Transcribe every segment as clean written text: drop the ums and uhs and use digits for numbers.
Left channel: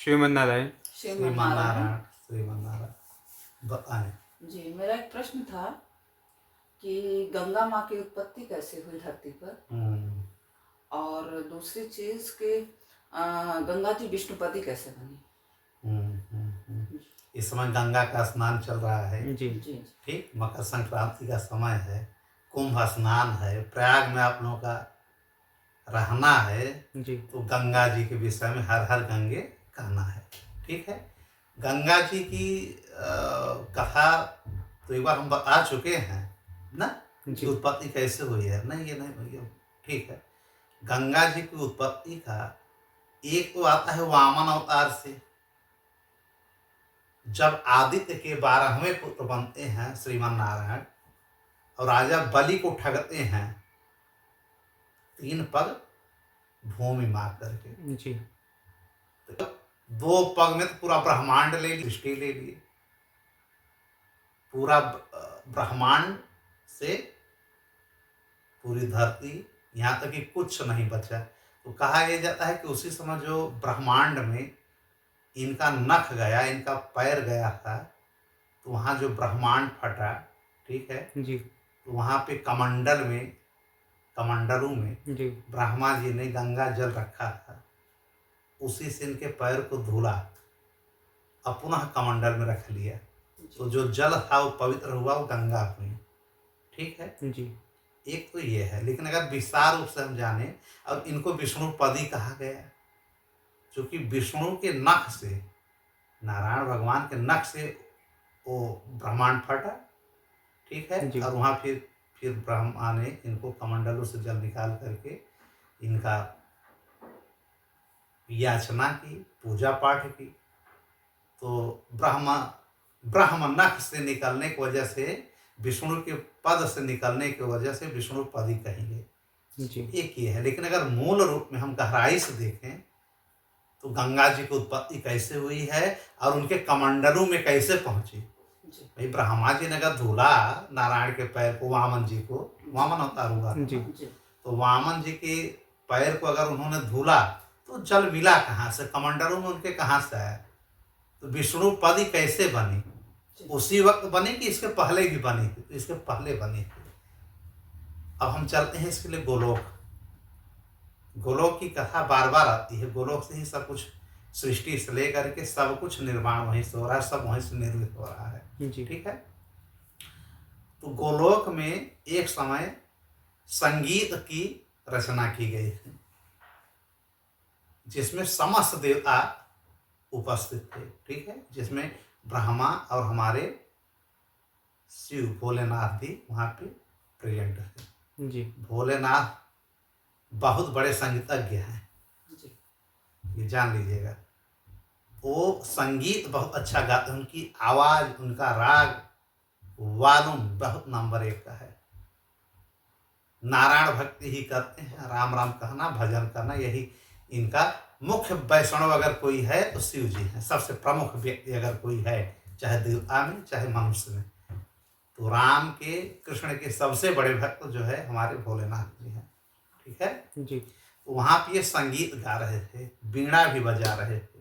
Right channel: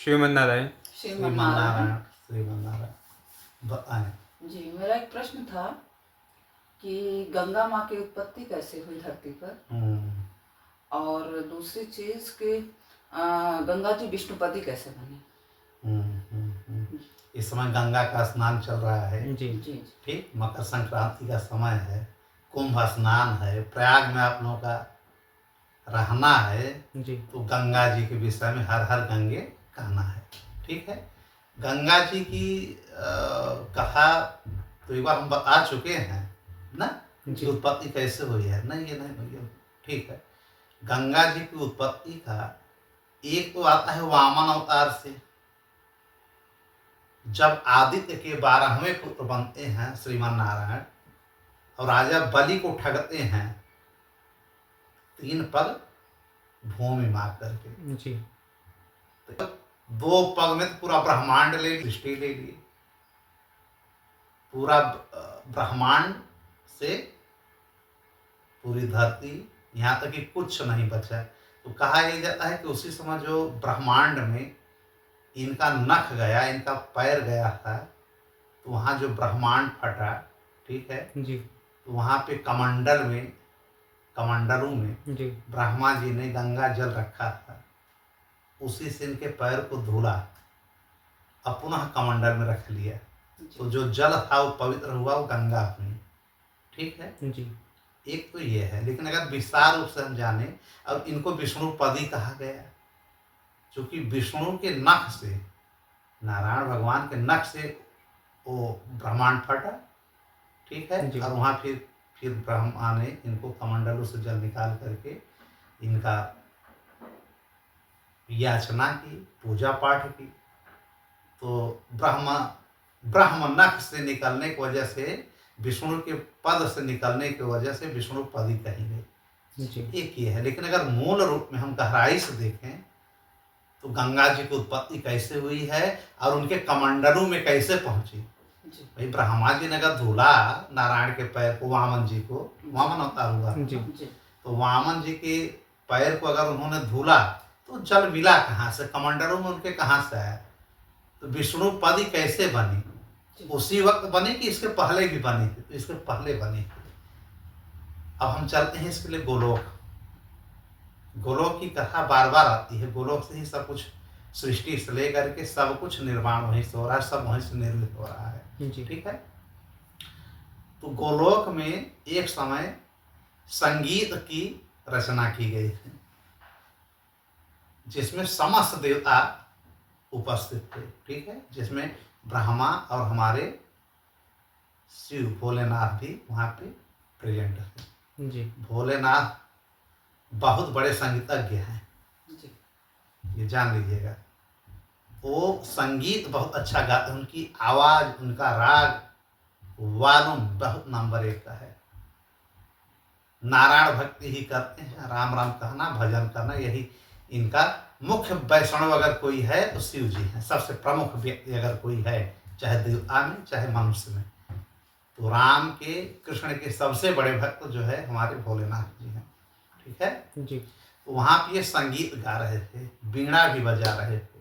श्रीमन्नारायण। श्रीमन्नारायण। श्रीमन्नारायण बताएं। जी, मेरा एक प्रश्न था कि गंगा माँ की उत्पत्ति कैसे हुई धरती पर, और दूसरी चीज कि गंगा जी विष्णुपति कैसे बनी। इस समय गंगा का स्नान चल रहा है जी जी। ठीक, मकर संक्रांति का समय है, कुंभ स्नान है, प्रयाग में आप लोगों का रहना है जी तो गंगा जी के विषय में हर हर गंगे कहना है। ठीक है, गंगा जी की कथा तो एक बार हम बता चुके हैं ना कि उत्पत्ति कैसे हुई है। नहीं, ये नहीं हुई है। ठीक है, गंगा जी की उत्पत्ति का एक तो आता है वामन अवतार से, जब आदित्य के 12वें पुत्र बनते हैं श्रीमन्नारायण और राजा बलि को ठगते हैं 3 पग भूमि मार करके। जी तो 2 पग में तो पूरा ब्रह्मांड ले ली, सृष्टि ले लिए, पूरा ब्रह्मांड से पूरी धरती, यहाँ तक कि कुछ नहीं बचा। तो कहा यह जाता है कि उसी समय जो ब्रह्मांड में इनका नख गया, इनका पैर गया था, तो वहाँ जो ब्रह्मांड फटा, ठीक है जी तो वहाँ पे कमंडल में, कमंडलों में जी ब्रह्मा जी ने गंगा जल रखा था, उसी से इनके पैर को धुला, अब पुनः कमंडल में रख लिया, तो जो जल था वो पवित्र हुआ, वो गंगा हुई। ठीक है जी। एक तो ये है, लेकिन अगर विस्तार रूप से हम जाने, अब इनको विष्णुपदी कहा गया क्योंकि विष्णु के नख से, नारायण भगवान के नख से वो ब्रह्मांड फटा। ठीक है, और वहाँ फिर ब्रह्मा ने इनको कमंडलों से जल निकाल करके इनका याचना की, पूजा पाठ की, तो ब्रह्म नख से निकलने की वजह से, विष्णु के पद से निकलने की वजह से विष्णुपदी कही गई। एक ये है, लेकिन अगर मूल रूप में हम गहराई से देखें तो गंगा जी की उत्पत्ति कैसे हुई है और उनके कमंडलों में कैसे पहुंची। भाई ब्रह्मा जी ने अगर धूला नारायण के पैर को, वामन जी को, वामन अवतार हुआ तो वामन जी के पैर को अगर उन्होंने धूला तो जल मिला कहाँ से, कमंडलों में उनके कहाँ से आया। तो विष्णुपदी कैसे बनी, उसी वक्त बनी कि इसके पहले भी बनी थी? तो इसके पहले बनी थी। अब हम चलते हैं इसके लिए गोलोक। गोलोक की कथा बार बार आती है, गोलोक से ही सब कुछ, सृष्टि से लेकर के सब कुछ निर्माण वहीं से हो रहा है, सब वहीं से निर्मित हो रहा है। ठीक है, तो गोलोक में एक समय संगीत की रचना की गई थी जिसमें समस्त देवता उपस्थित थे। ठीक है, जिसमें ब्रह्मा और हमारे शिव भोलेनाथ भी वहाँ पे प्रेजेंट थे। जी, भोलेनाथ बहुत बड़े संगीतज्ञ हैं, ये जान लीजिएगा। वो संगीत बहुत अच्छा गाते हैं, उनकी आवाज़, उनका राग वालुम बहुत नंबर 1 का है। नारायण भक्ति ही करते हैं, राम राम कहना, भजन करना, यही इनका मुख्य। वैष्णव अगर कोई है तो शिव जी हैं, सबसे प्रमुख व्यक्ति अगर कोई है, चाहे देवता में चाहे मनुष्य में, तो राम के, कृष्ण के सबसे बड़े भक्त जो है हमारे भोलेनाथ जी हैं। ठीक है जी, तो वहाँ पे ये संगीत गा रहे थे, वीणा भी बजा रहे थे,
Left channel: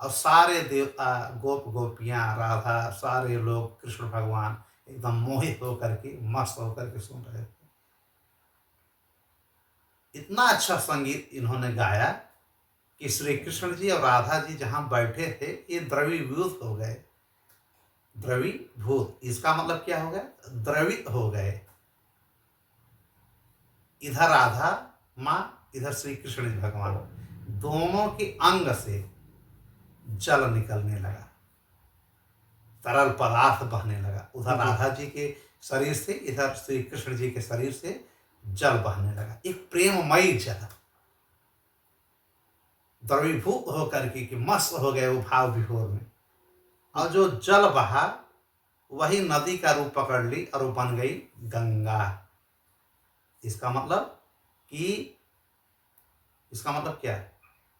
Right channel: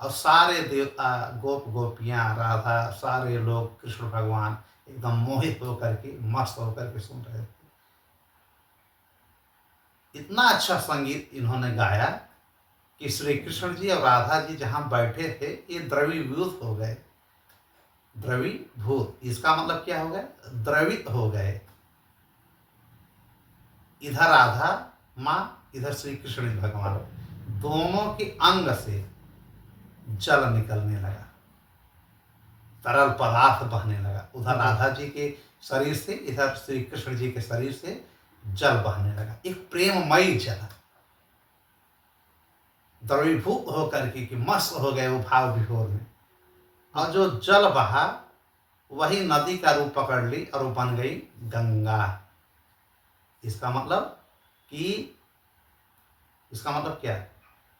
और सारे देवता, गोप गोपियाँ, राधा, सारे लोग, कृष्ण भगवान एकदम मोहित होकर के, मस्त होकर के सुन रहे थे। इतना अच्छा संगीत इन्होंने गाया कि श्री कृष्ण जी और राधा जी जहाँ बैठे थे ये द्रवीभूत हो गए। द्रवीभूत, इसका मतलब क्या हो गया? द्रवित हो गए। इधर राधा माँ, इधर श्री कृष्ण भगवान, दोनों के अंग से जल निकलने लगा, तरल पदार्थ बहने लगा। उधर राधा जी के शरीर से, इधर श्री कृष्ण जी के शरीर से जल बहने लगा, एक प्रेममयी जल। द्रवीभूत होकर के कि मस्त हो गए वो भाव विभोर में, और जो जल बहा वही नदी का रूप पकड़ ली और वो बन गई गंगा। इसका मतलब क्या है?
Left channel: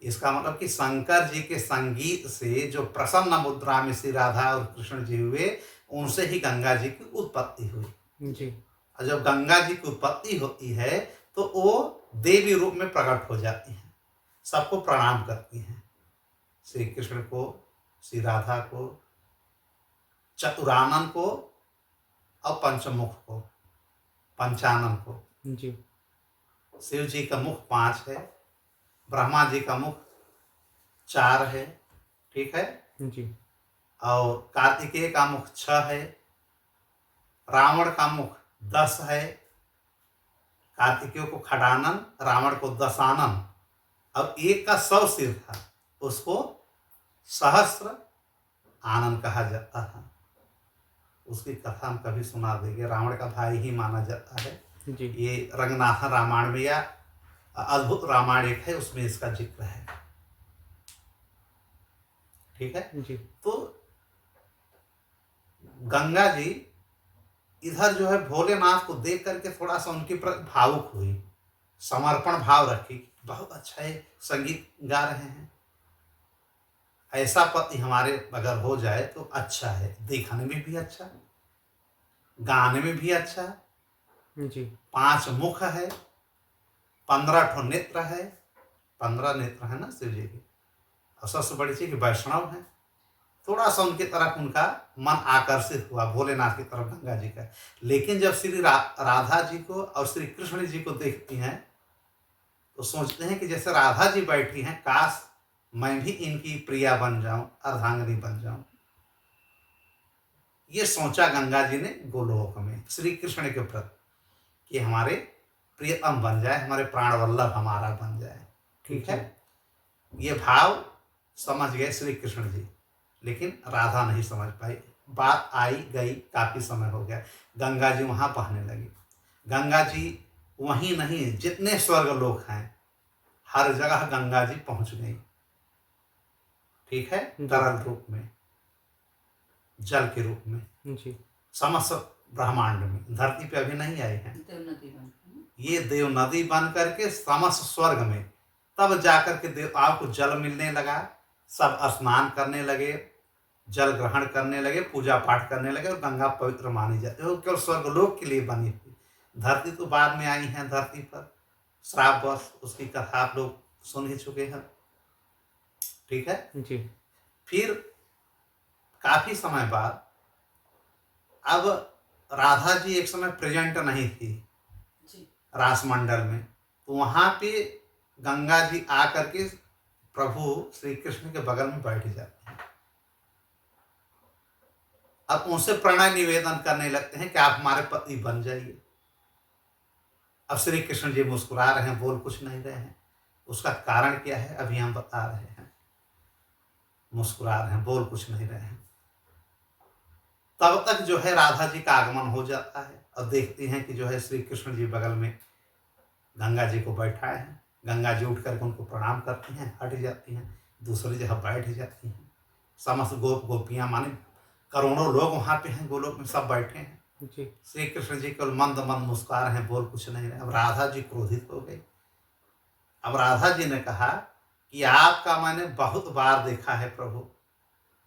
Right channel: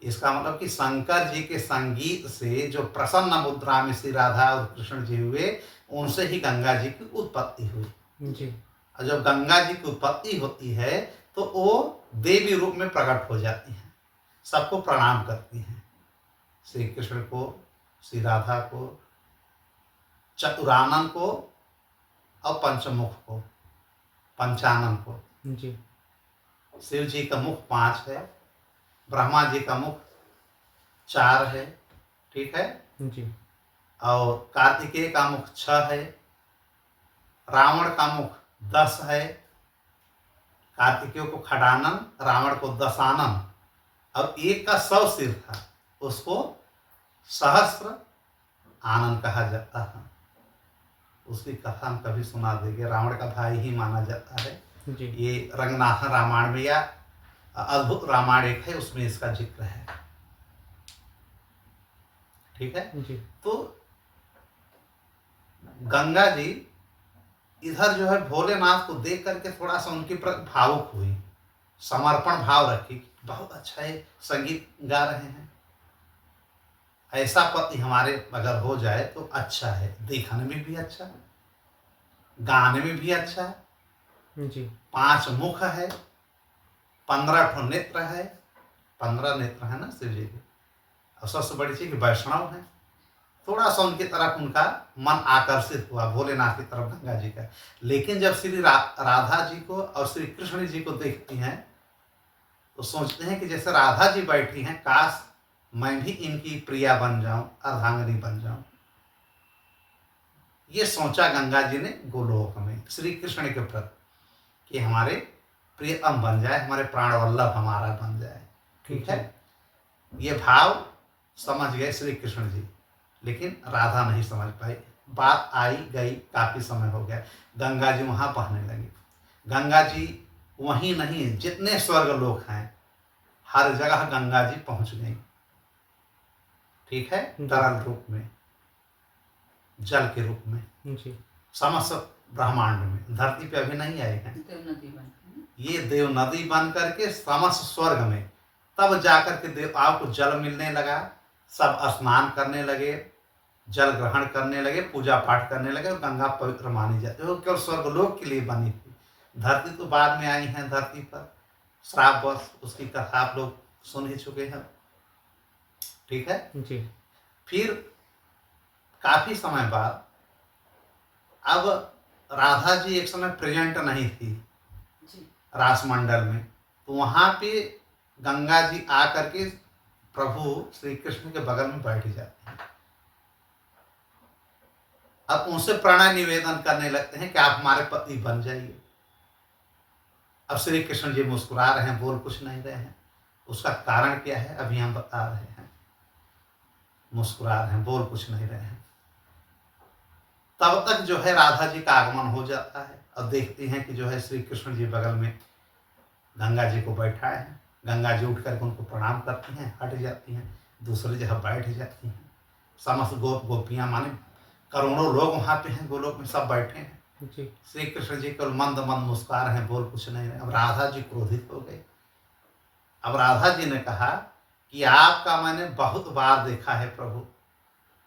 इसका मतलब कि शंकर जी के संगीत से जो प्रसन्न मुद्रा में श्री राधा और कृष्ण जी हुए, उनसे ही गंगा जी की उत्पत्ति हुई जी। और जब गंगा जी की उत्पत्ति होती है तो वो देवी रूप में प्रकट हो जाती हैं, सबको प्रणाम करती हैं, श्री कृष्ण को, श्री राधा को, चतुरानन को और पंचमुख को, पंचानन को। जी शिव जी का मुख 5 है, ब्रह्मा जी का मुख 4 है, ठीक है। जी और कार्तिकेय का मुख 6 है, रावण का मुख 10 है, कार्तिकेय को खडानन, रावण को दशानन, और एक का 100 सिर था, उसको सहस्त्र आनंद कहा जाता है। उसकी कथा हम कभी सुना देंगे। रावण का भाई ही माना जाता है। जी ये रंगनाथन रामायण में या अद्भुत रामायण एक है, उसमें इसका जिक्र है, ठीक है। जी तो गंगा जी इधर जो है भोलेनाथ को देख करके थोड़ा सा उनके प्रति भावुक हुई, समर्पण भाव रखी। बहुत अच्छा है, संगीत गा रहे हैं, ऐसा पति हमारे अगर हो जाए तो अच्छा है, देखने में भी अच्छा, गाने में भी अच्छा। जी 5 मुख है, 15 ठो नेत्र है, 15 नेत्र है ना शिव जी के। और सबसे बड़ी चीज कि वैष्णव है। थोड़ा सा उनकी तरफ उनका मन आकर्षित हुआ, भोलेनाथ की तरफ गंगा जी का। लेकिन जब श्री राधा जी को और श्री कृष्ण जी को देखती हैं तो सोचते हैं कि जैसे राधा जी बैठी हैं, काश मैं भी इनकी प्रिया बन जाऊं, अर्धांगिनी बन जाऊं। ये सोचा गंगा जी ने गोलोक में श्री कृष्ण के प्रति कि हमारे प्रियतम बन जाए, हमारे प्राण वल्लभ हमारा बन जाए, ठीक है। ये भाव समझ गए श्री कृष्ण जी, लेकिन राधा नहीं समझ पाई। बात आई गई, काफी समय हो गया, गंगा जी वहां बहने लगी। गंगा जी वहीं नहीं, जितने स्वर्ग लोक हैं हर जगह गंगा जी पहुंच गई, ठीक है। तरल रूप में, जल के रूप में, जी समस्त ब्रह्मांड में, धरती पे अभी नहीं आए हैं। देव नदी बन ये देव नदी बन करके समस्त स्वर्ग में, तब जाकर के देवताओं को जल मिलने लगा, सब स्नान करने लगे, जल ग्रहण करने लगे, पूजा पाठ करने लगे, और गंगा पवित्र मानी जाती है। वो केवल स्वर्गलोक के लिए बनी थी, धरती तो बाद में आई है धरती पर श्रापवश, उसकी कथा आप लोग सुन ही चुके हैं, ठीक है। जी फिर काफी समय बाद अब राधा जी एक समय प्रेजेंट नहीं थी जी रासमंडल में, तो वहां पे गंगा जी आकर के प्रभु श्री कृष्ण के बगल में बैठ जाते हैं। अब उनसे प्रणय निवेदन करने लगते हैं कि आप हमारे पति बन जाइए। अब श्री कृष्ण जी मुस्कुरा रहे हैं, बोल कुछ नहीं रहे हैं। उसका कारण क्या है अभी हम बता रहे हैं। मुस्कुरा रहे हैं, बोल कुछ नहीं रहे हैं। तब तक जो है राधा जी का आगमन हो जाता है, और देखती हैं कि जो है श्री कृष्ण जी बगल में गंगा जी को बैठाए हैं। गंगा जी उठ करके उनको प्रणाम करती हैं, हट जाती हैं, दूसरी जगह बैठ जाती हैं। समस्त गोपियां माने करोड़ों लोग वहां पे हैं, गोलोक में सब बैठे हैं। जी श्री कृष्ण जी केवल मंद मंद मुस्कुरा रहे हैं, बोल कुछ नहीं रहे। अब राधा जी क्रोधित हो गई। अब राधा जी ने कहा कि आपका मैंने बहुत बार देखा है प्रभु,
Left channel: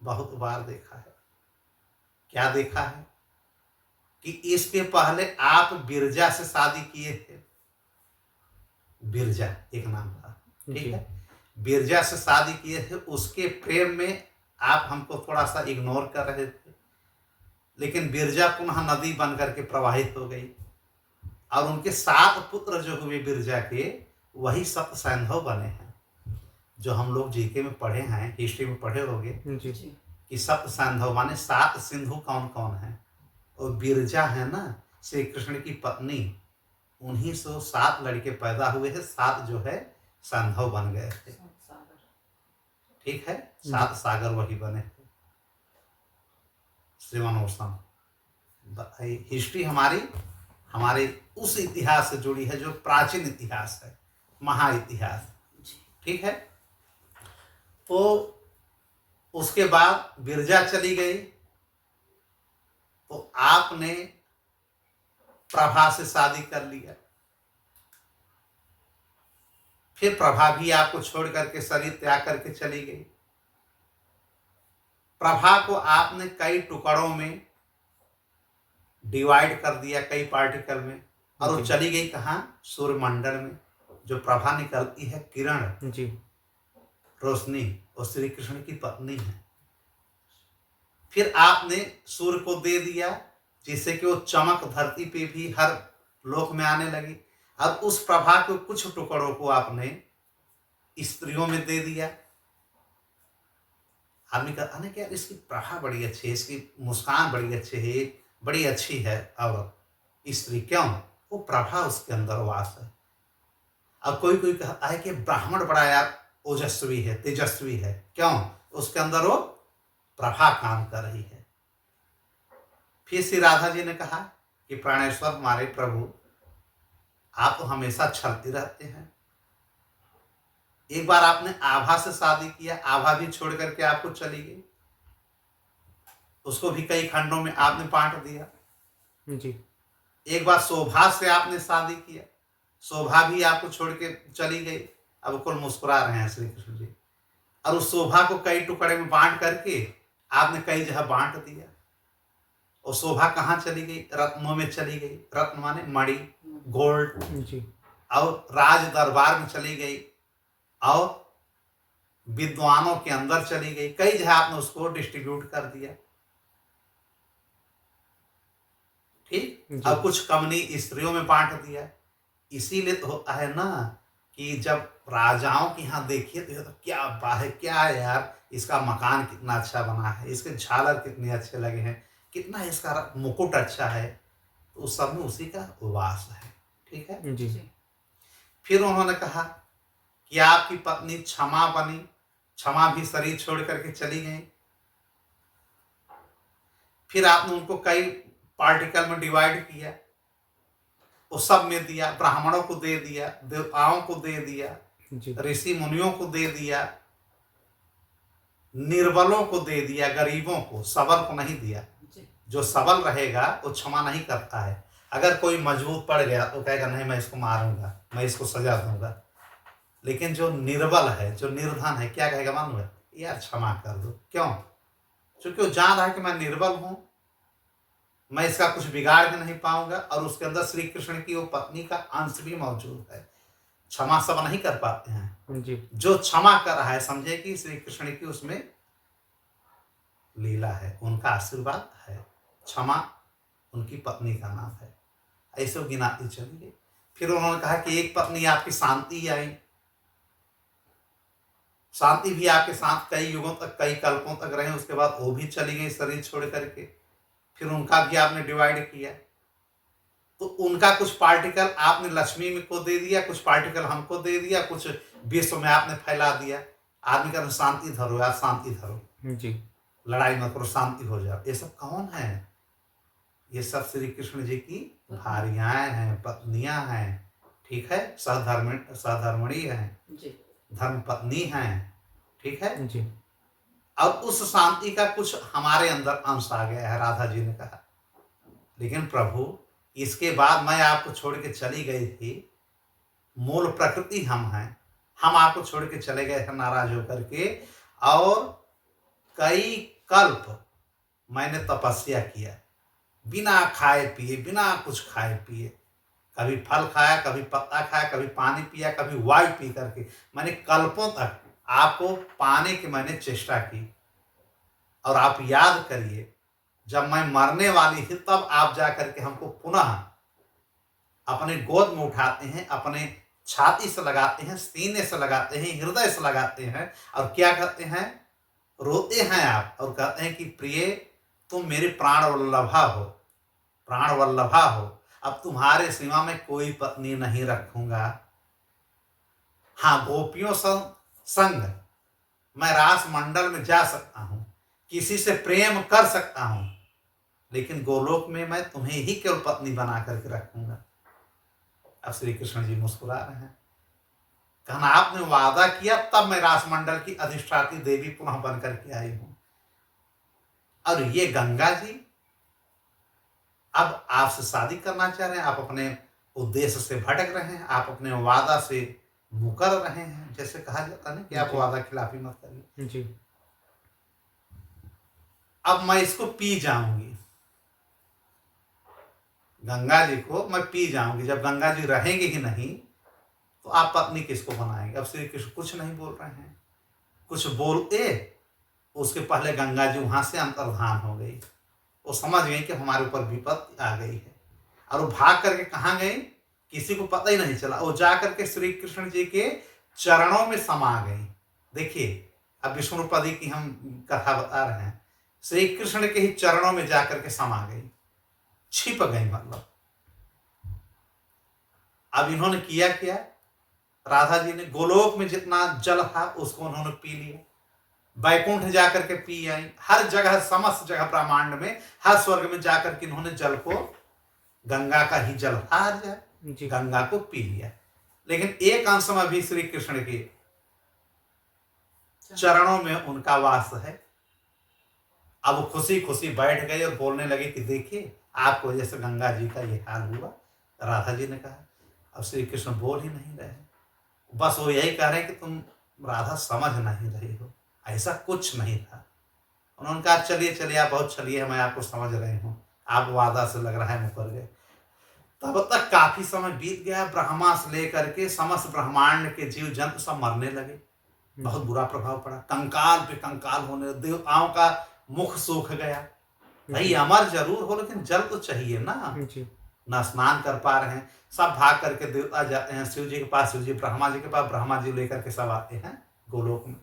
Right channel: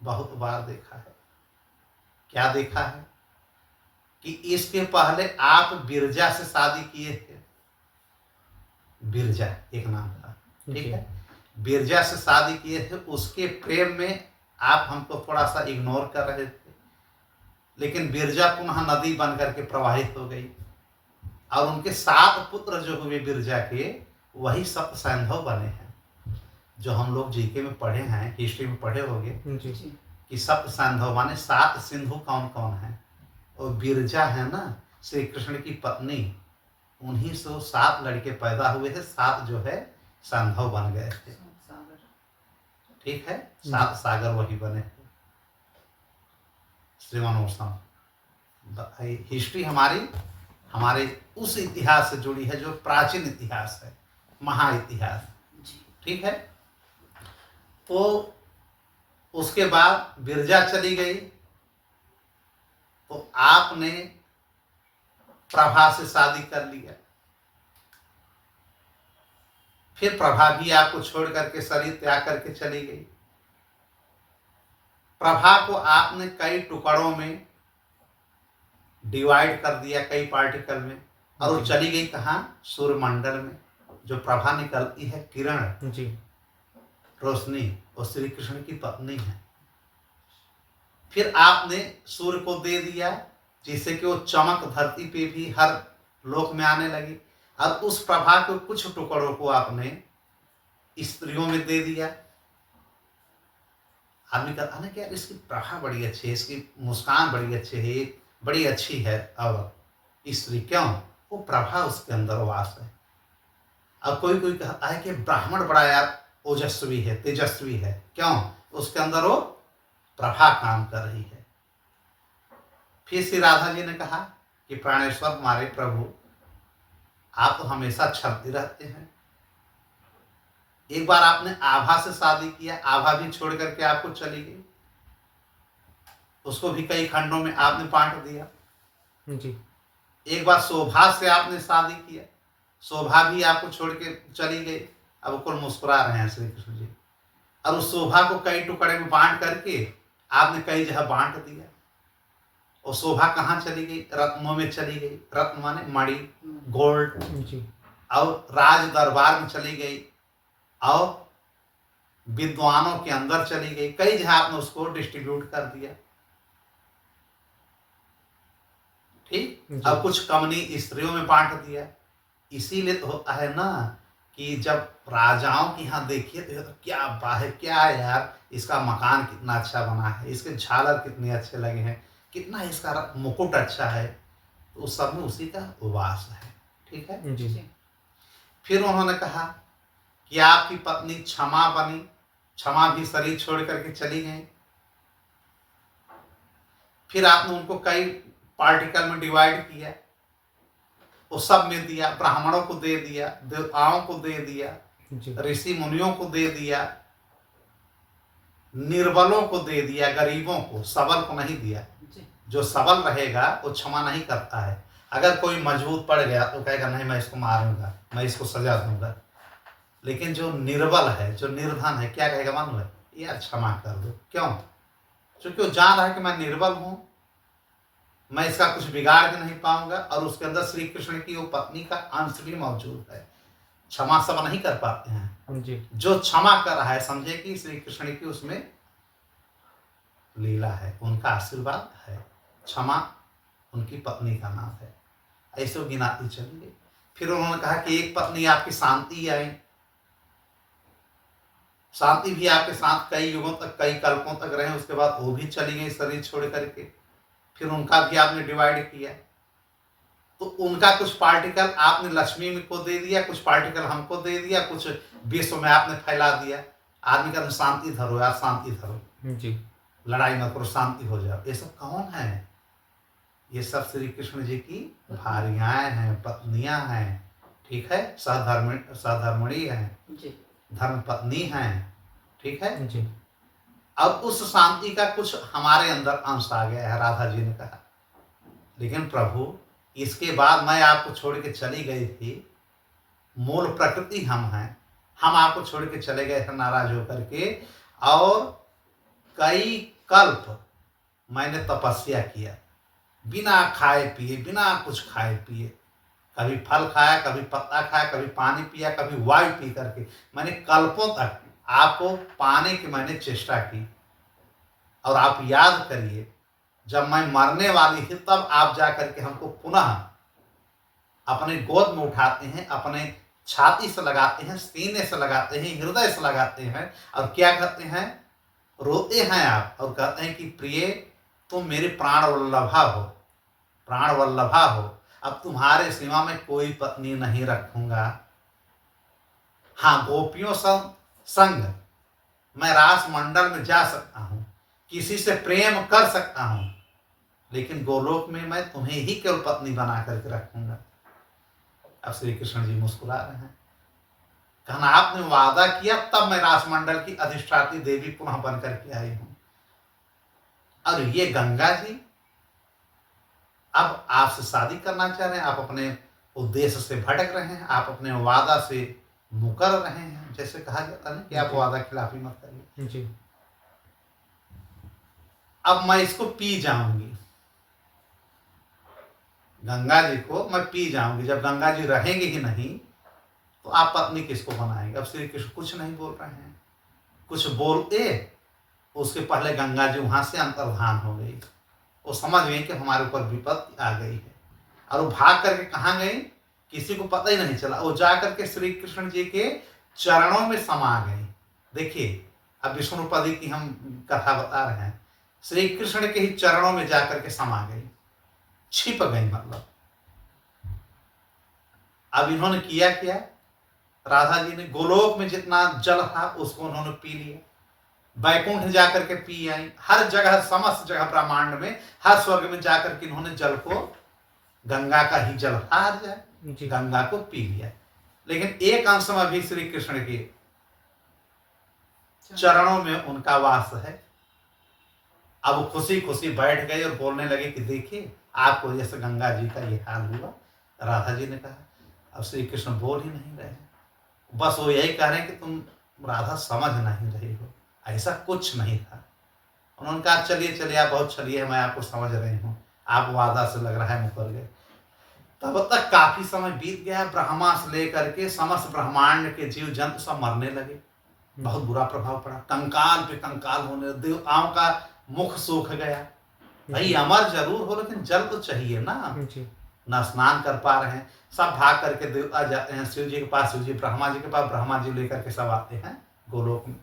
बहुत बार देखा है। क्या देखा है कि इसके पहले आप बिरजा से शादी किए थे। बिरजा एक नाम था, ठीक है। बिरजा से शादी किए थे, उसके प्रेम में आप हमको थोड़ा सा इग्नोर कर रहे थे, लेकिन बिरजा पुनः नदी बन करके प्रवाहित हो गई, और उनके 7 पुत्र जो हुए बिरजा के, वही सप्त सैंधव बने हैं। जो हम लोग जीके में पढ़े हैं, हिस्ट्री में पढ़े होंगे जी कि सप्त सैंधव माने 7 सिंधु कौन कौन है। और बिरजा है ना श्री कृष्ण की पत्नी, उन्हीं से 7 लड़के पैदा हुए हैं, 7 जो है सैंधव बन गए थे, सागर। ठीक है। 7 सागर वही बने थे। श्रीमनोत्सव हिस्ट्री हमारी हमारे उस इतिहास से जुड़ी है जो प्राचीन इतिहास है, महाइतिहास, ठीक है। तो उसके बाद बिरजा चली गई, तो आपने प्रभा से शादी कर लिया। फिर प्रभा भी आपको छोड़ करके शरीर त्याग करके चली गई। प्रभा को आपने कई टुकड़ों में डिवाइड कर दिया, कई पार्टिकल में, और वो चली गई कहाँ, सूर्यमंडल में। जो प्रभा निकलती है, किरण, जी रोशनी, और श्री कृष्ण की पत्नी है। फिर आपने सूर्य को दे दिया जिससे कि वो चमक धरती पे भी हर लोक में आने लगी, और उस प्रभा के कुछ टुकड़ों को आपने स्त्रियों में दे दिया। आदमी कहता ना कि यार इसकी प्रभा बड़ी अच्छी है, इसकी मुस्कान बड़ी अच्छी है, बड़ी अच्छी है। और स्त्री क्यों? वो प्रभा उसके अंदर वास है। अब कोई कोई कहता है कि ब्राह्मण बड़ा यार ओजस्वी है, तेजस्वी है, क्यों? उसके अंदर वो प्रभा काम कर रही है। फिर श्री राधा जी ने कहा कि प्राणेश्वर हमारे प्रभु, आप तो हमेशा छलते रहते हैं। एक बार आपने आभा से शादी किया, आभा भी छोड़ करके आपको चली गई, उसको भी कई खंडों में आपने बांट दिया जी। एक बार शोभा से आपने शादी किया, शोभा भी आपको छोड़ के चली गई। अब कुल मुस्कुरा रहे हैं श्री कृष्ण जी। और उस शोभा को कई टुकड़े में बांट करके आपने कई जगह बांट दिया। और शोभा कहाँ चली गई? रत्नों में चली गई। रत्न माने मणि, गोल्ड। जी। और राज दरबार में चली गई, और विद्वानों के अंदर चली गई। कई जगह आपने उसको डिस्ट्रीब्यूट कर दिया। ठीक। जी। अब कुछ कमनी स्त्रियों में बांट दिया। इसीलिए तो होता है ना कि जब राजाओं के यहाँ देखिए तो क्या बात है, क्या है यार, इसका मकान कितना अच्छा बना है, इसके झालर कितने अच्छे लगे हैं, कितना इसका मुकुट अच्छा है, तो उस सब में उसी का वास है। ठीक है जी। फिर उन्होंने कहा कि आपकी पत्नी क्षमा बनी, क्षमा भी शरीर छोड़ करके चली गई। फिर आपने उनको कई पार्टिकल में डिवाइड किया, वो सब में दिया। ब्राह्मणों को दे दिया, देवताओं को दे दिया, जी। ऋषि मुनियों को दे दिया, निर्बलों को दे दिया, गरीबों को, सबल को नहीं दिया। जो सबल रहेगा वो क्षमा नहीं करता है। अगर कोई मजबूत पड़ गया तो कहेगा नहीं मैं इसको मारूंगा, मैं इसको सजा दूंगा। लेकिन जो निर्बल है, जो निर्धन है, क्या कहेगा? मालूम है, यार क्षमा कर दो। क्यों? क्योंकि वो जान रहा है कि मैं निर्बल हूं, मैं इसका कुछ बिगाड़ के नहीं पाऊंगा, और उसके अंदर श्री कृष्ण की वो पत्नी का अंश भी मौजूद है। क्षमा सब नहीं कर पाते हैं। जी। जो क्षमा कर रहा है समझे कि श्री कृष्ण की उसमें लीला है, उनका आशीर्वाद है। क्षमा उनकी पत्नी का नाम है। ऐसे वो गिनाती चली गई। फिर उन्होंने कहा कि एक पत्नी आपकी शांति आई। शांति भी आपके साथ कई युगों तक, कई कल्पों तक रहे, उसके बाद वो भी चली गई शरीर छोड़ करके। फिर उनका भी आपने डिवाइड किया, तो उनका कुछ पार्टिकल आपने लक्ष्मी में को दे दिया, कुछ पार्टिकल हमको दे दिया, कुछ विश्व में आपने फैला दिया। आदमी का शांति धरो यार, शांति धरो, जी। लड़ाई मत करो, शांति हो जाओ। ये सब कौन है? ये सब श्री कृष्ण जी की भार्याएं हैं, पत्नियां हैं। ठीक है, सहधर्मिणी हैं, धर्म पत्नी हैं। ठीक है जी। अब उस शांति का कुछ हमारे अंदर अंश आ गया है, राधा जी ने कहा। लेकिन प्रभु इसके बाद मैं आपको छोड़ के चली गई थी, मूल प्रकृति हम हैं, हम आपको छोड़ के चले गए थे नाराज होकर के, और कई कल्प मैंने तपस्या किया, बिना खाए पिए, बिना कुछ खाए पिए। कभी फल खाया, कभी पत्ता खाया, कभी पानी पिया, कभी वायु पी करके मैंने कल्पों तक आपको पाने की मैंने चेष्टा की। और आप याद करिए, जब मैं मरने वाली थी तब आप जा करके हमको पुनः अपने गोद में उठाते हैं, अपने छाती से लगाते हैं, सीने से लगाते हैं, हृदय से लगाते हैं, और क्या कहते हैं? रोते हैं आप और कहते हैं कि प्रिय तुम मेरी प्राण वल्लभा हो, प्राण वल्लभा हो, अब तुम्हारे सिवा में कोई पत्नी नहीं रखूंगा। हाँ, गोपियों संग मैं रास मंडल में जा सकता हूं, किसी से प्रेम कर सकता हूं, लेकिन गोलोक में मैं तुम्हें ही केवल पत्नी बना करके रखूंगा। अब श्री कृष्ण जी मुस्कुरा रहे हैं, कहना आपने वादा किया तब मैं रासमंडल की अधिष्ठात्री देवी पुनः बन करके आई हूं। और ये गंगा जी अब आपसे शादी करना चाह रहे हैं, आप अपने उद्देश्य से भटक रहे हैं, आप अपने वादा से मुकर रहे हैं। जैसे कहा जाता है कि आप वादा खिलाफी मत करिए। जी। अब मैं इसको पी जाऊंगी, गंगा जी को मैं पी जाऊंगी। जब गंगा जी रहेंगे ही नहीं तो आप पत्नी किसको बनाएंगे? अब श्री कृष्ण कुछ नहीं बोल रहे हैं, कुछ बोले, उसके पहले गंगा जी वहां से अंतर्धान हो गई। वो समझ गई कि हमारे ऊपर विपत्ति आ गई है, और वो भाग करके कहाँ गई किसी को पता ही नहीं चला। वो जा करके श्री कृष्ण जी के चरणों में समा गई। देखिए, अब विष्णुपदी की हम कथा बता रहे हैं, श्री कृष्ण के ही चरणों में जाकर के समा गई, छिप गई मतलब। अब इन्होंने किया क्या, राधा जी ने गोलोक में जितना जल था उसको उन्होंने पी लिया, बैकुंठ जाकर के पी आई, हर जगह समस्त जगह ब्रह्मांड में हर स्वर्ग में जाकर के इन्होंने जल को, गंगा का ही जल हर जगह गंगा को पी लिया। लेकिन एक अंश में भी श्री कृष्ण के चरणों में उनका वास है। अब वो खुशी खुशी बैठ गए और बोलने लगे कि देखिए आपको वजह से गंगा जी का ये हाल हुआ। राधा जी ने कहा, अब श्री कृष्ण बोल ही नहीं रहे, बस वो यही कह रहे हैं कि तुम राधा समझ नहीं रही हो, ऐसा कुछ नहीं था। उन्होंने कहा चलिए चलिए आप बहुत चलिए, मैं आपको समझ रही हूँ, आप वादा से लग रहा है मुकर गए। तब तक काफी समय बीत गया, ब्रह्मा से लेकर के समस्त ब्रह्मांड के जीव जंतु सब मरने लगे, बहुत बुरा प्रभाव पड़ा, कंकाल पे कंकाल होने, देवताओं का मुख सूख गया। भाई अमर जरूर हो लेकिन जल तो चाहिए ना, ना स्नान कर पा रहे हैं। सब भाग करके देवता जाते हैं शिव जी के पास, शिव जी ब्रह्मा जी के पास, ब्रह्मा जी लेकर के सब आते हैं गोलोक में।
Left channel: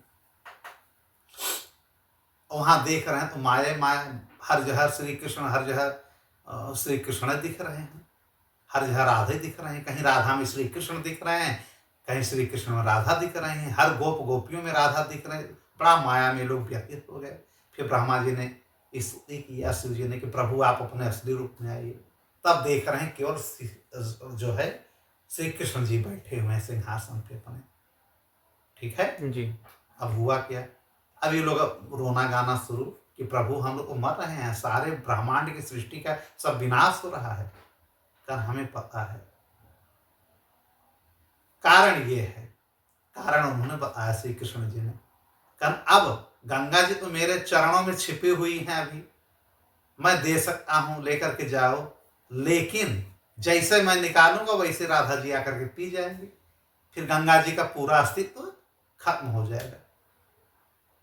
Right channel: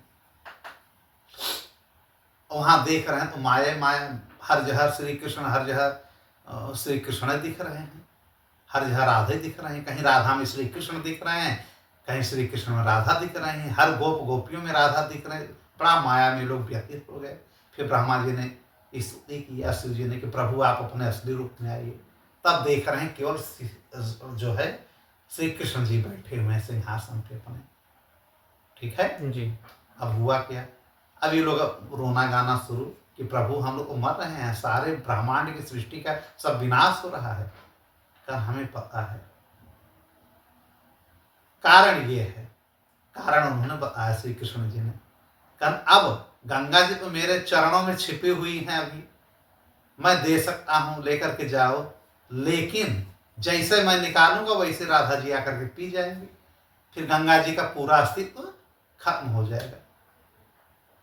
वहां देख रहे हैं तो माया माया हर जगह श्री कृष्ण, हर जगह श्री कृष्ण दिख रहे हैं, हर जगह राधे दिख रहे हैं, कहीं राधा में श्री कृष्ण दिख रहे हैं, कहीं श्री कृष्ण में राधा दिख रहे हैं, हर गोप गोपियों में राधा दिख रहे हैं। बड़ा माया में लोग व्यतीत हो गए। फिर ब्रह्मा जी ने स्तुति किया शिव जी ने कि प्रभु आप अपने असली रूप में आइए। तब देख रहे हैं केवल जो है श्री कृष्ण जी बैठे हुए हैं सिंहासन पे अपने, ठीक है जी। अब हुआ क्या, अब ये लोग रोना गाना शुरू कि प्रभु हम लोग को मर रहे हैं, सारे ब्रह्मांड की सृष्टि का सब विनाश हो रहा है। कहा हमें पता है, कारण ये है, कारण उन्होंने बताया श्री कृष्ण जी ने। कहा अब गंगा जी तो मेरे चरणों में छिपी हुई हैं, अभी मैं दे सकता हूं, लेकर के जाओ, लेकिन जैसे मैं निकालूंगा वैसे राधा जी आकर के पी जाएंगे, फिर गंगा जी का पूरा अस्तित्व खत्म हो जाएगा।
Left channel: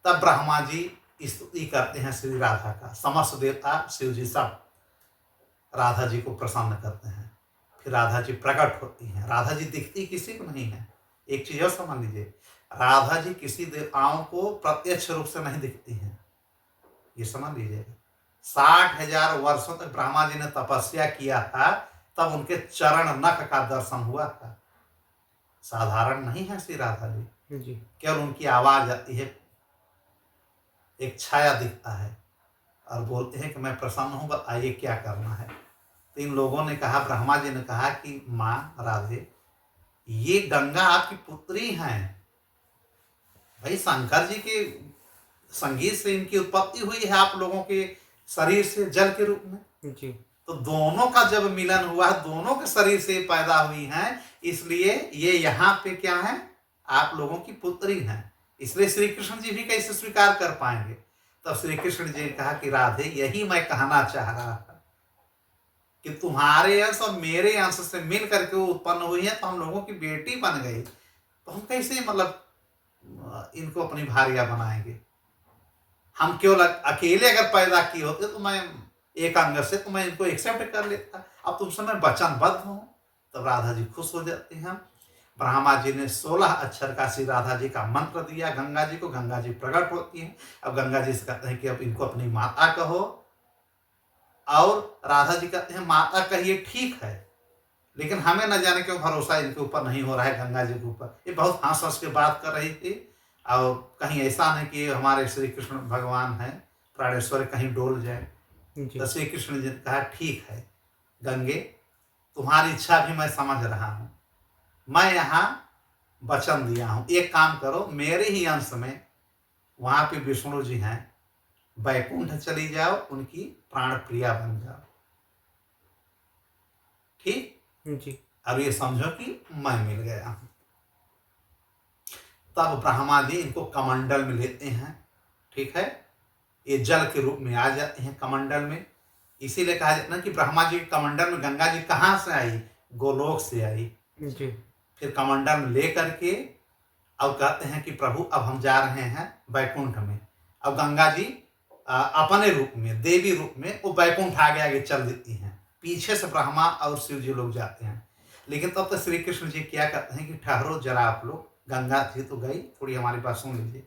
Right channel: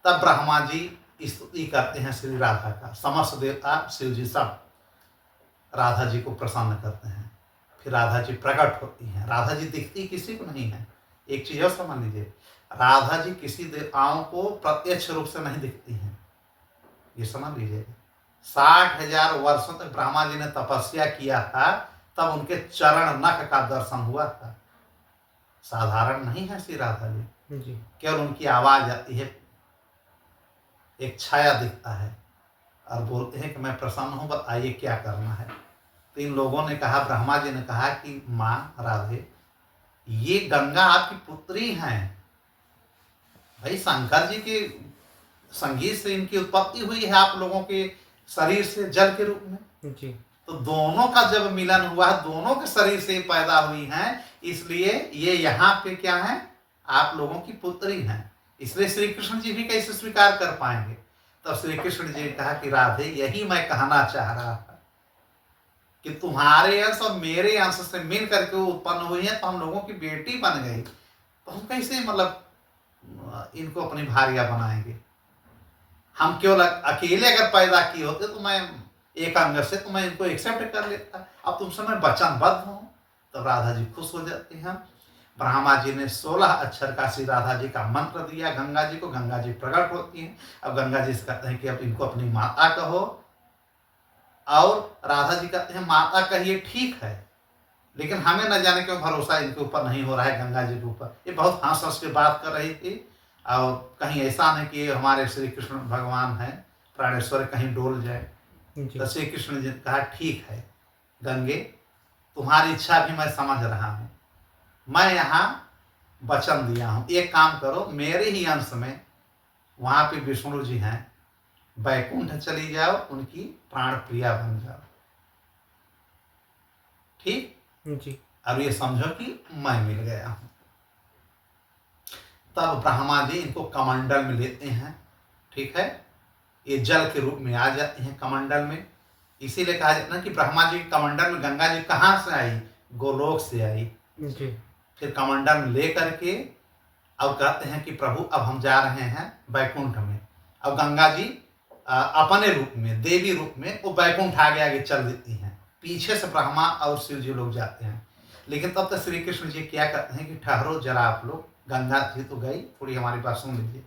तब ब्रह्मा जी स्तुति करते हैं श्री राधा का, समस्त देवता शिव जी सब राधा जी को प्रसन्न करते हैं। फिर राधा जी प्रकट होती हैं। राधा जी दिखती किसी को नहीं है। एक चीज और समझ लीजिए, राधा जी किसी देवताओं को प्रत्यक्ष रूप से नहीं दिखती हैं, ये समझ लीजिएगा। 60,000 वर्षों तक ब्रह्मा जी ने तपस्या किया था, तब उनके चरण नख का दर्शन हुआ था। साधारण नहीं है श्री राधा जी, केवल उनकी आवाज आती है, एक छाया दिखता है और बोलते हैं कि मैं प्रसन्न हूं, बताइए क्या करना है। तो इन लोगों ने कहा, ब्रह्मा जी ने कहा कि माँ राधे, ये गंगा आपकी पुत्री हैं। भाई शंकर जी के संगीत से इनकी उत्पत्ति हुई है आप लोगों के शरीर से जल के रूप में जी। तो दोनों का जब मिलन हुआ, दोनों के शरीर से पैदा हुई हैं, इसलिए ये यहाँ पे क्या है, आप लोगों की पुत्री हैं। इसलिए श्री कृष्ण जी भी कैसे स्वीकार कर पाएंगे। तब श्री कृष्ण जी ने कहा कि राधे, यही मैं कहना चाह रहा था कि तुम्हारे अंश और मेरे अंश से मिल करके वो उत्पन्न हुई है, तो हम लोगों की बेटी बन गई, तो हम कैसे मतलब इनको अपनी भार्या बनाएंगे। हम केवल अकेले अगर पैदा किए होते तो मैं एक अंग से तो मैं इनको एक्सेप्ट कर लेता, अब तुमसे मैं वचनबद्ध हूं। तब राधा जी खुश हो जाती हैं। ब्रह्मा जी ने 16 अक्षर का श्री राधा जी का मंत्र दिया गंगा जी को, गंगा जी प्रकट होती हैं। अब गंगा जी से कहते हैं कि अब इनको अपनी माता कहो, और राधा जी कहते हैं माता कहिए ठीक है, लेकिन हमें न जाने क्यों भरोसा इनके ऊपर नहीं हो रहा है, गंगा जी के ऊपर। ये बहुत हंस हंस के बात कर रही थी, और कहीं ऐसा नहीं कि हमारे श्री कृष्ण भगवान हैं प्राणेश्वर, कहीं डोल जाए। तो श्री कृष्ण जी ने कहा ठीक है गंगे, तुम्हारी इच्छा भी मैं समझ रहा हूँ, मैं यहाँ वचन दिया हूँ, एक काम करो, मेरे ही अंश में वहाँ पे विष्णु जी हैं, बैकुंठ चली जाओ, उनकी प्राण प्रिया बन जाओ, ठीक जी। अब ये समझो कि मैं मिल गया हूं। तब ब्रह्मा जी इनको कमंडल में लेते हैं, ठीक है, ये जल के रूप में आ जाते हैं कमंडल में। इसीलिए कहा जाता है कि ब्रह्मा जी कमंडल में गंगा जी कहाँ से आई, गोलोक से आई जी। फिर कमंडल में ले करके अब कहते हैं कि प्रभु अब हम जा रहे हैं बैकुंठ में। अब गंगा जी अपने रूप में, देवी रूप में वो बैकुंठ आगे आगे चल देती हैं, पीछे से ब्रह्मा और शिव जी लोग जाते हैं। लेकिन तब तक श्री कृष्ण जी क्या कहते हैं कि ठहरो जरा आप लोग, गंगा जी तो गई, थोड़ी हमारी बात सुन लीजिए।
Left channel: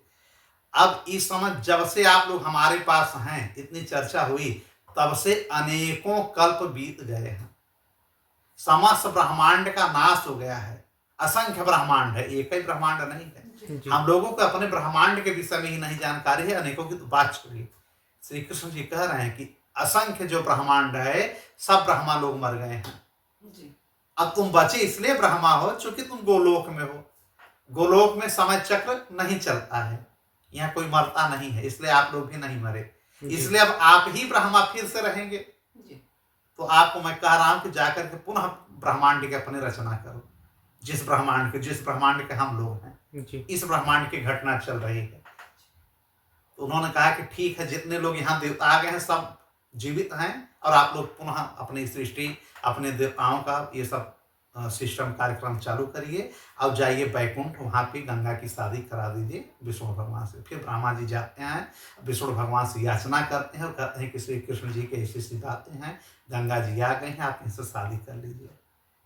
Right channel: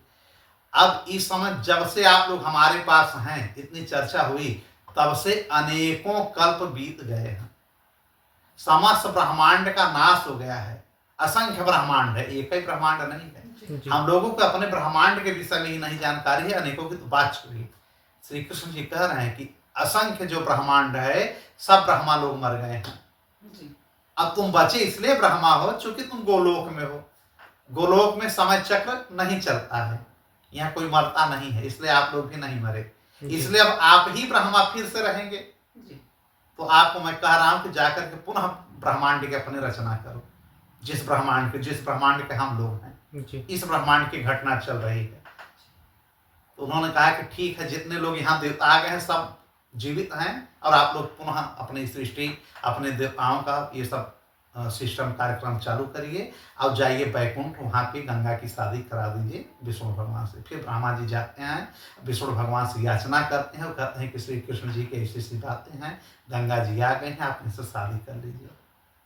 अब इस समय जब से आप लोग हमारे पास हैं, इतनी चर्चा हुई, तब से अनेकों कल्प बीत गए हैं, समस्त ब्रह्मांड का नाश हो गया है, असंख्य ब्रह्मांड है, एक ही ब्रह्मांड नहीं है। हम लोगों को अपने ब्रह्मांड के विषय में ही नहीं जानकारी है, अनेकों की तो बात छोड़िए। श्री कृष्ण जी कह रहे हैं कि असंख्य जो ब्रह्मांड है, सब ब्रह्मा लोग मर गए हैं। अब तुम बचे इसलिए ब्रह्मा हो चूंकि तुम गोलोक में हो। गोलोक में समय चक्र नहीं चलता है, यहाँ कोई मरता नहीं है, इसलिए आप लोग भी नहीं मरे। इसलिए अब आप ही ब्रह्मा फिर से रहेंगे। तो आपको मैं कह रहा हूं कि जाकर के पुनः ब्रह्मांड की अपनी रचना करो। जिस ब्रह्मांड के हम लोग हैं, इस ब्रह्मांड की घटना चल रही है। तो उन्होंने कहा कि ठीक है, जितने लोग यहाँ देवता आ गए हैं सब जीवित हैं, और आप लोग पुनः अपनी सृष्टि, अपने देवताओं का ये सब सिस्टम कार्यक्रम चालू करिए, और जाइए बैकुंठ, वहाँ पे गंगा की शादी करा दीजिए विष्णु भगवान से। फिर ब्रह्मा जी जाते हैं, विष्णु भगवान से याचना करते हैं और कहते हैं कि श्री कृष्ण जी की ऐसी ऐसी बातें हैं, गंगा जी आ गए हैं, आप इनसे शादी कर लीजिए।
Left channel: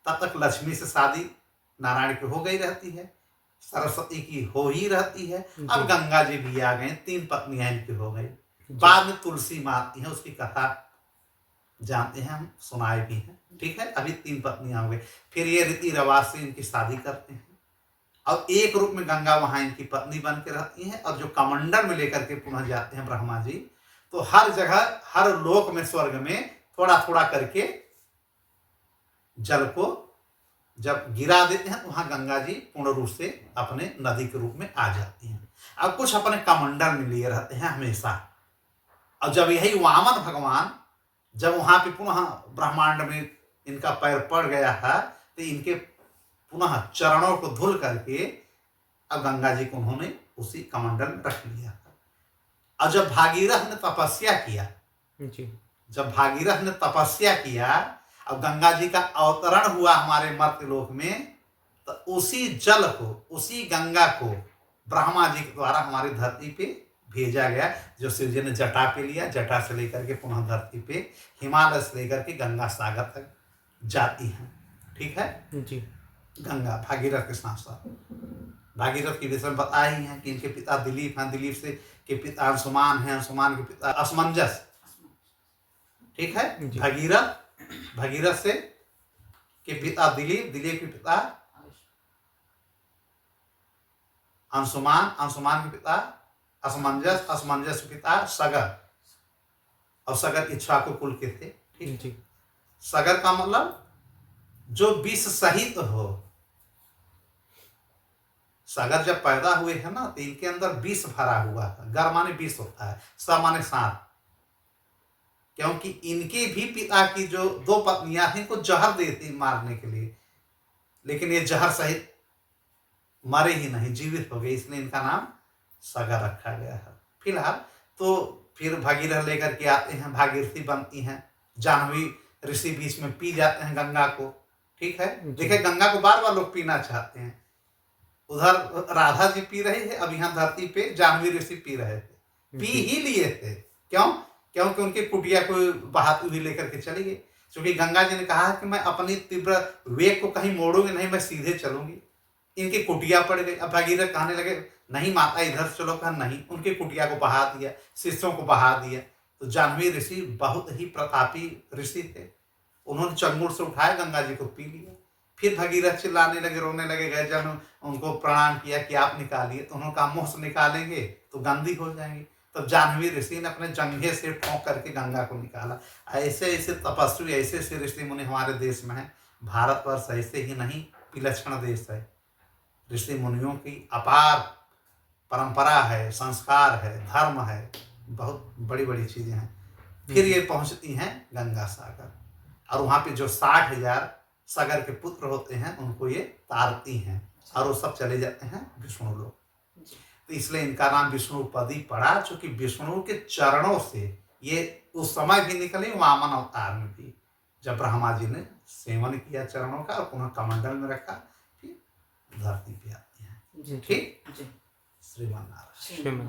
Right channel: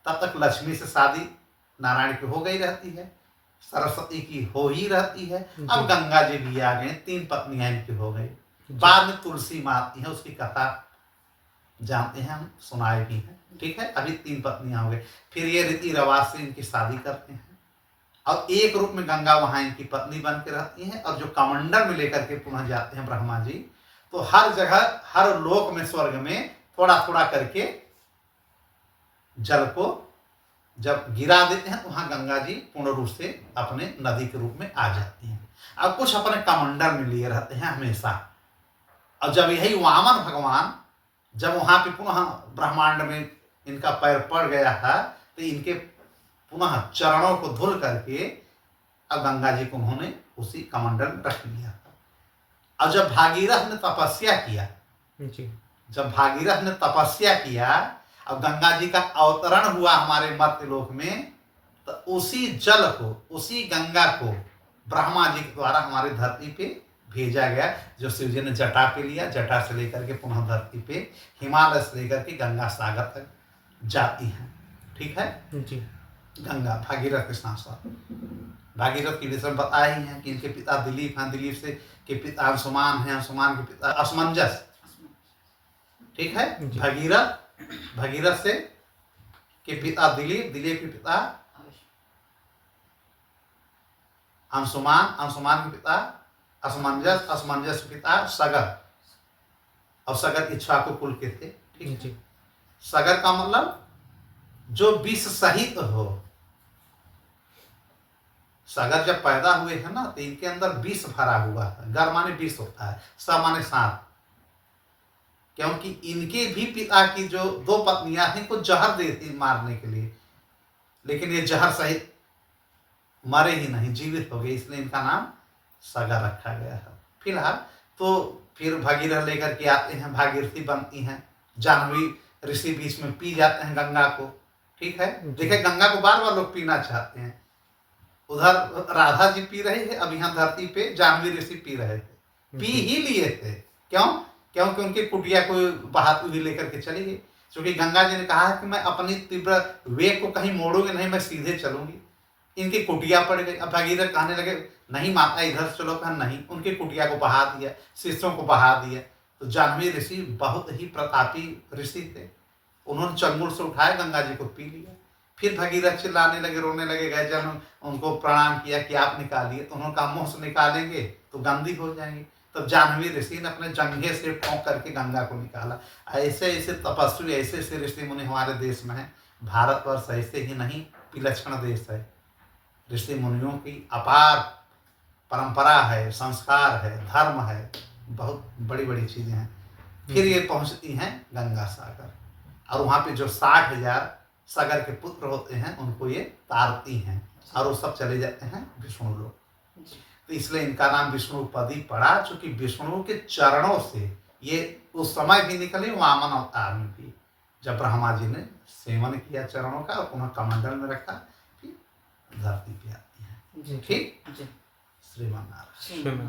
तब तक लक्ष्मी से शादी नारायण की हो गई रहती है, सरस्वती की हो ही रहती है। अब गंगा जी भी आ गए, 3 पत्नियां इनकी हो गई। बाद में तुलसी माँ आती है, उसकी कथा जानते हैं, हम सुनाए भी हैं, ठीक है। अभी 3 पत्नियां हो गई। फिर ये रीति रिवाज से इनकी शादी करते हैं, और एक रूप में गंगा वहां इनकी पत्नी बन के रहती है। और जो कमंडल में लेकर के पुनः जाते हैं ब्रह्मा जी, तो हर जगह, हर लोक में, स्वर्ग में थोड़ा थोड़ा करके जल को जब गिरा देते हैं, तो वहां गंगा जी पूर्ण रूप से अपने नदी के रूप में आ जाती हैं। अब कुछ अपने कमंडल में लिए रहते हैं हमेशा। और जब यही वामन भगवान जब वहां पे पुनः ब्रह्मांड में इनका पैर पड़ गया था, तो इनके पुनः चरणों को धुल करके अब गंगा जी को उन्होंने उसी कमंडल में रख लिया था। और जब भागीरथ ने तपस्या किया, जब भागीरथ ने तपस्या किया, अब गंगा जी का अवतरण हुआ हमारे मर्त्यलोक में, तो उसी जल को, उसी गंगा को ब्रह्मा जी के द्वारा हमारी धरती पे भेजा गया, जो शिव जी ने जटा पे लिया, जटा से लेकर के पुनः धरती पे, हिमालय से लेकर के गंगा सागर तक जाती हैं, ठीक है जी। गंगा भागीरथ के साथ साथ, भागीरथ के विषय में बताया ही है कि इनके पिता दिलीप हैं, दिलीप से के पिता अंशुमान हैं, अंशुमान के पिता असमंजस, ठीक है। भगीरथ से के पिता दिलीप, दिलीप के पिता अंशुमान, अंशुमान के पिता असमंजस, असमंजस के पिता सगर, और सगर इक्ष्वाकु कुल के थे, ठीक है। सगर का मतलब जो विष सहित हो। सगर जब पैदा हुए हैं ना, तो इनके अंदर विष भरा हुआ है। गर माने विष होता है, स माने सांप, क्योंकि इनके भी पिता की जो 2 पत्नियां थी, इनको जहर देती मारने के लिए, लेकिन ये जहर सहित मरे ही नहीं, जीवित हो गए, इसलिए इनका नाम सगर रखा गया है फिलहाल। तो फिर भगीरथ लेकर के आते हैं, भागीरथी बनती हैं, जाह्नवी ऋषि बीच में पी जाते हैं गंगा को, ठीक है। देखिए गंगा को बार बार लोग पीना चाहते हैं, उधर राधा जी पी रहे थे, अब यहाँ धरती पे जाह्नवी ऋषि पी रहे थे, पी ही लिए थे। क्यों? क्योंकि उनकी कुटिया को बहाती हुई लेकर के चली गई, क्योंकि गंगा जी ने कहा है कि मैं अपनी तीव्र वेग को कहीं मोड़ूंगी नहीं, मैं सीधे चलूंगी। इनकी कुटिया पड़ गई। अब भगीरथ कहने लगे नहीं माता इधर चलो, कहा नहीं, उनकी कुटिया को बहा दिया, शिष्यों को बहा दिया। तो जाह्नवी ऋषि बहुत ही प्रतापी ऋषि थे, उन्होंने चंगुल से उठाया, गंगा जी को पी लिया। फिर भगीरथ चिल्लाने लगे, रोने लगे, गए जन उनको प्रणाम किया कि आप निकालिए, तो उन्होंने कहा मुँह से निकालेंगे तो गंदी हो जाएंगी। तब जाह्नवी ऋषि ने अपने जंघे से ठोंक करके गंगा को निकाला। ऐसे ऐसे तपस्वी, ऐसे ऐसे ऋषि मुनि हमारे देश में हैं। भारतवर्ष ऐसे ही नहीं विलक्षण देश है, ऋषि मुनियों की अपार परंपरा है, संस्कार है, धर्म है, बहुत बड़ी बड़ी चीजें हैं। फिर ये पहुंचती हैं गंगा सागर, और वहां पे जो 60,000 सागर के पुत्र होते हैं उनको ये तारती हैं, और वो सब चले जाते हैं विष्णु लोक। तो इसलिए इनका नाम विष्णुपदी पड़ा, चूंकि विष्णु के चरणों से ये उस समय भी निकले, वामन अवतार में भी, जब ब्रह्मा जी ने सेवन किया चरणों का और पुनः कमंडल में रखा, फिर धरती पे आती है। जी ठीक। जी श्रीमान नारायण। श्रीमान